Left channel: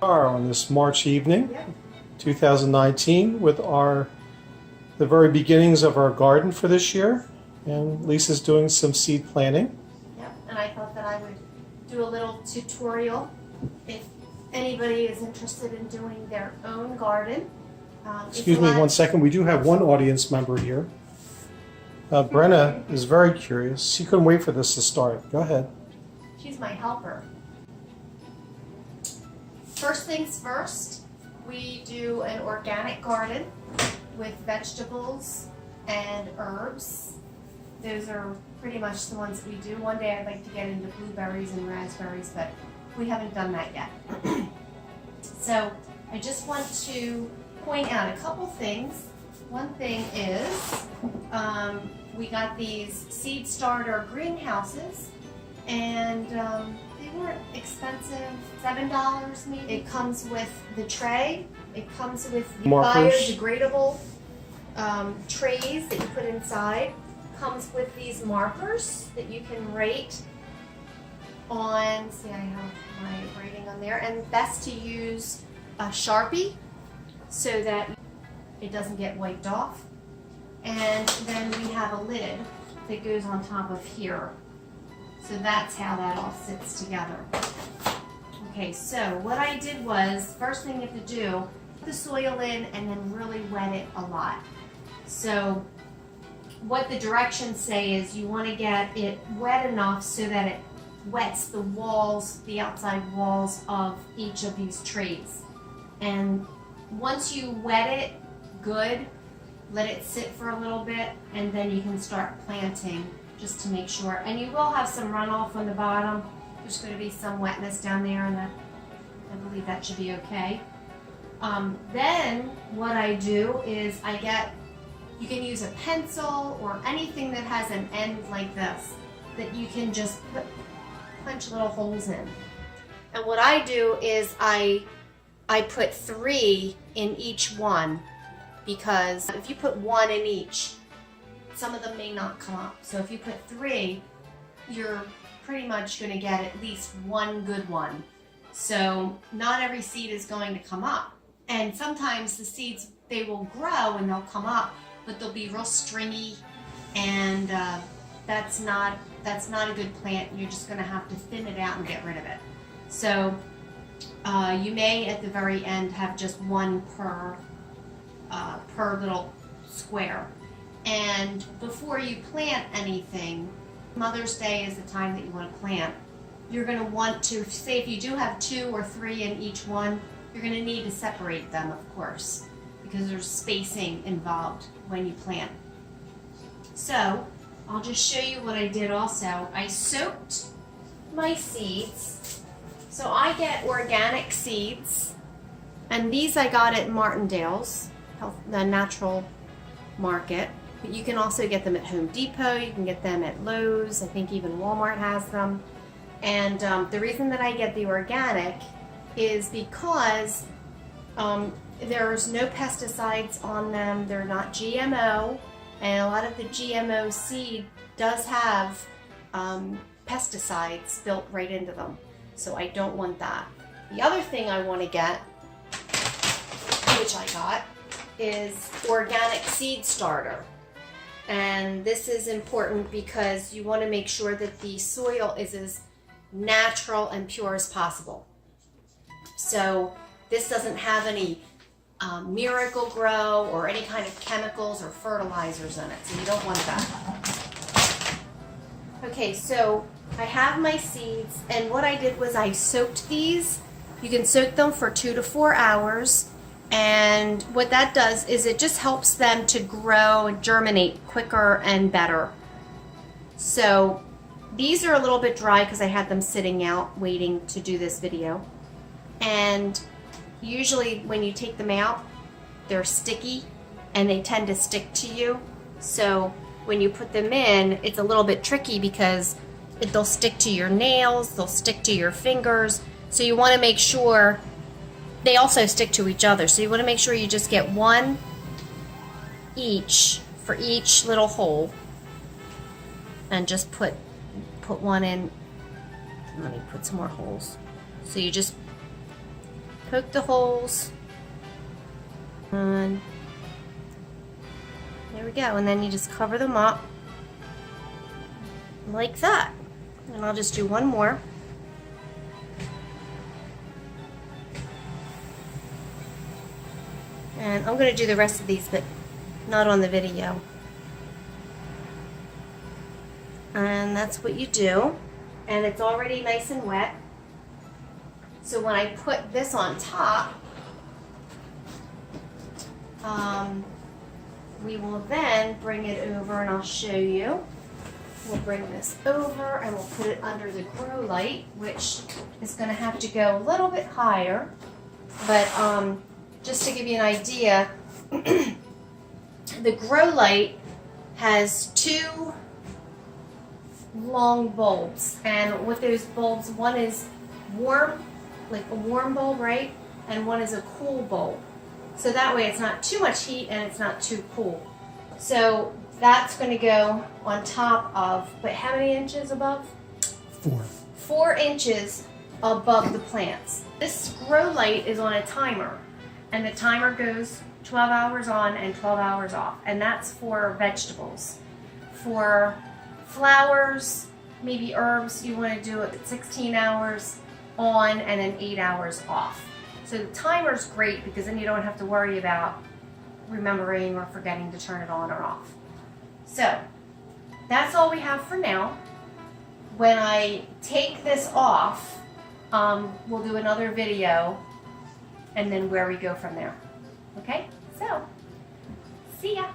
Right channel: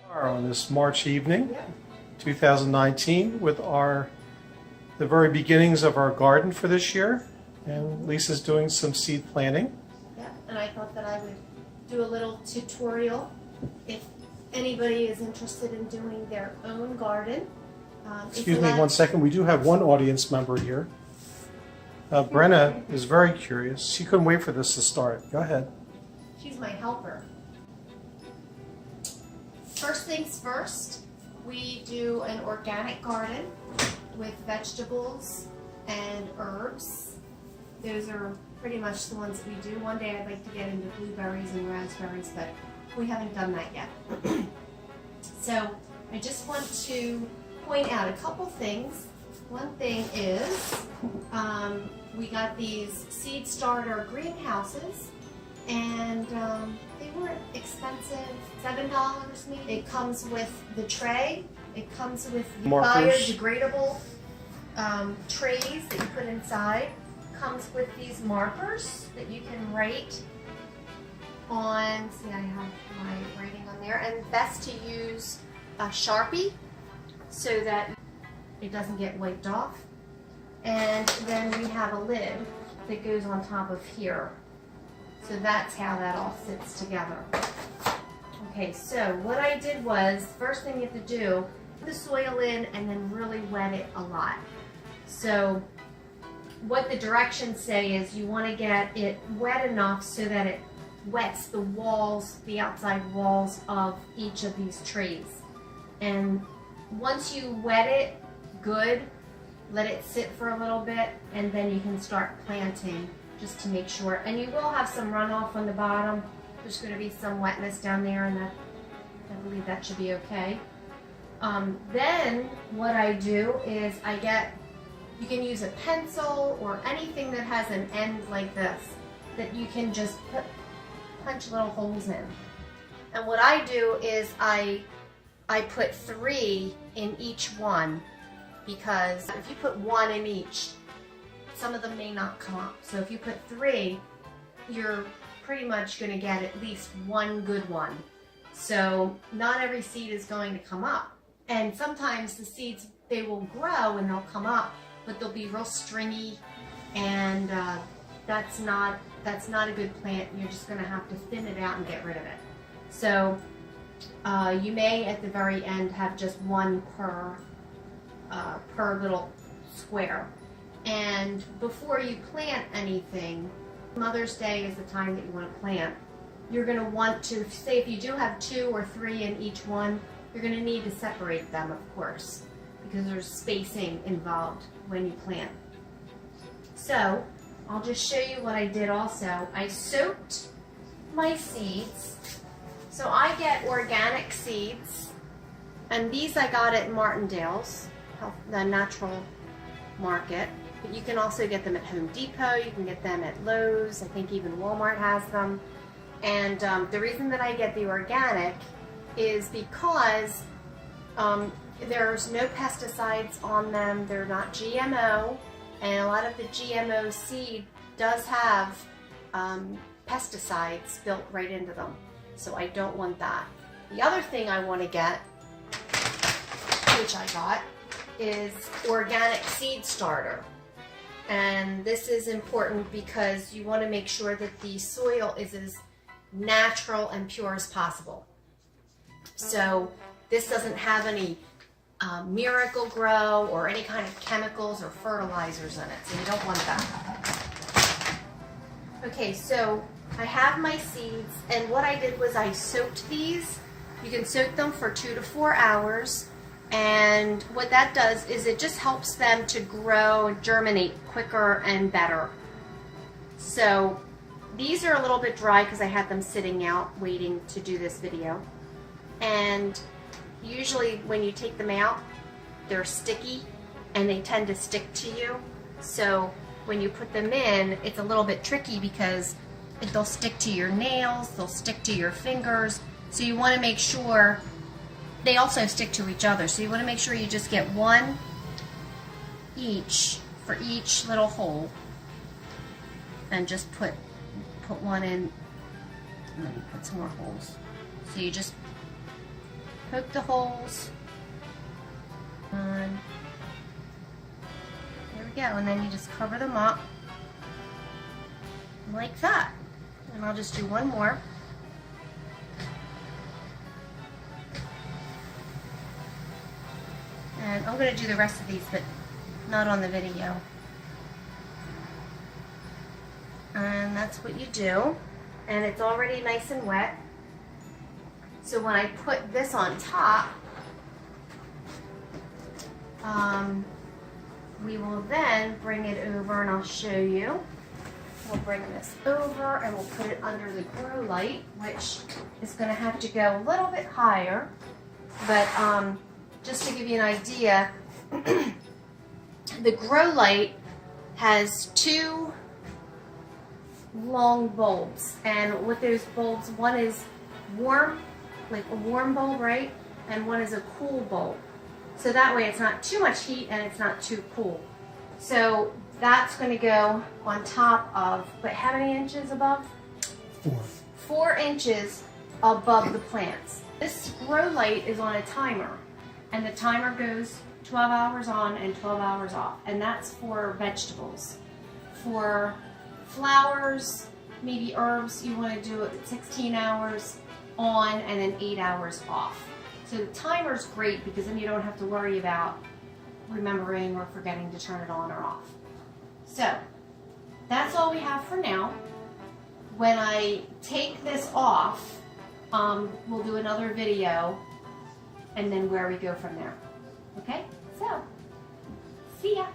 Are on this March evening, 2019, with the very beginnings of our garden for this year, and Lisa's doing some seed planting. Yep, and I thought that I would do a little tutorial if anybody is interested in doing their own garden. Excuse me one second, we do have one audience member here. Brenna is very curious. She couldn't wait for this to start. Go ahead. She's my helper. First things first, we do an organic garden with vegetables and herbs. Those are pretty much the ones that we do. One day I'd like to get into blueberries and raspberries, but we haven't done that yet. So I just want to point out a couple things. One thing is we got these seed starter greenhouses, and they weren't expensive, $7 maybe. It comes with the tray. It comes with the biodegradable trays that you put inside. Comes with these markers that you can write on. See, I have my writing on there. And best to use a Sharpie so that it doesn't get wiped off. And then we have a lid that goes on top of here. So that's how that all sits together. Okay, so what I did was, first thing you have to do, put the soil in and then really wet it a lot. So what the directions say is you want to get it wet enough so that it wets the walls, the outside walls of each of these trays. And once you wet it good, let it sit for a little bit, and then you can start planting just to make sure. And you will have some runoff on the bottom. There's going to be some wetness down there, and I believe that should be okay. Then what I do is you can use a pencil or anything that has an end like this that you can just punch little holes in. And what I do is I put 3 in each one, because if you put 1 in each, some of them may not come up. So if you put 3, you're pretty much going to get at least 1 good one. So not every seed is going to come up. And sometimes the seeds, they will grow and they'll come up, but they'll be real stringy, and that's not a good plant. You're just going to have to thin it out and get rid of it. So you may at the very end have just 1 per little square. And before you plant anything, Mother's Day is the time that you want to plant. You're going to want to, say if you do have 2 or 3 in each one, you're going to need to separate them, of course, because there's spacing involved when you plant. So I'll just show you what I did also. I soaked my seeds. So I get organic seeds, and these I got at Martindale's, the natural market. But you can also get them at Home Depot, you can get them at Lowe's, I think even Walmart has them. And the reason that I get the organic is because there's no pesticides on them, they're not GMO, and a lot of the GMO seed does have pesticides built right into them. So I don't want that. The other thing I want to get, which I got, is organic seed starter. And this is important because you want to make sure that the soil is as natural and pure as possible. So this doesn't have any Miracle Grow or any kind of chemicals or fertilizers in it, so you don't want that. Okay, so I have my seeds, and what I did was I soaked these. You can soak them for 2 to 4 hours. And what that does is it just helps them to grow and germinate quicker and better. So these are a little bit dry because I had them sitting out waiting to do this video. And usually when you take them out, they're sticky and they tend to stick to you. So when you put them in, it's a little bit tricky because they'll stick to your nails, they'll stick to your fingers. So you want to make sure they also stick to each other. So you want to make sure you just get 1 each for each little hole, and just put 1 in. Let me put some more holes. So you just poke the holes, and there we go. And then you just cover them up like that. And I'll just do one more. And I'm going to do the rest of these, but not on the video. And that's what you do. And it's already nice and wet. So when I put this on top, we will then bring it over, and I'll show you. We'll bring this over and we'll put it under the grow light, which is going to have to go a little bit higher. But just to give you an idea, the grow light has 2 long bulbs, and with those bulbs, one is warm, like a warm bulb, right? And one is a cool bulb. So that way it's not too much heat and it's not too cool. So that's going to go on top of, but how many inches above? 4. 4 inches above the plants. This grow light is on a timer, and the timer goes 12 hours on and 12 hours off, and that's for vegetables. For flowers, maybe herbs, you want to do it at 16 hours on and then 8 hours off. So the timer's great because then you don't have to worry about remembering or forgetting to turn it on or off. So that's all we have for now. When I take this off, we'll do another video and then where we go from there. Okay, so see ya.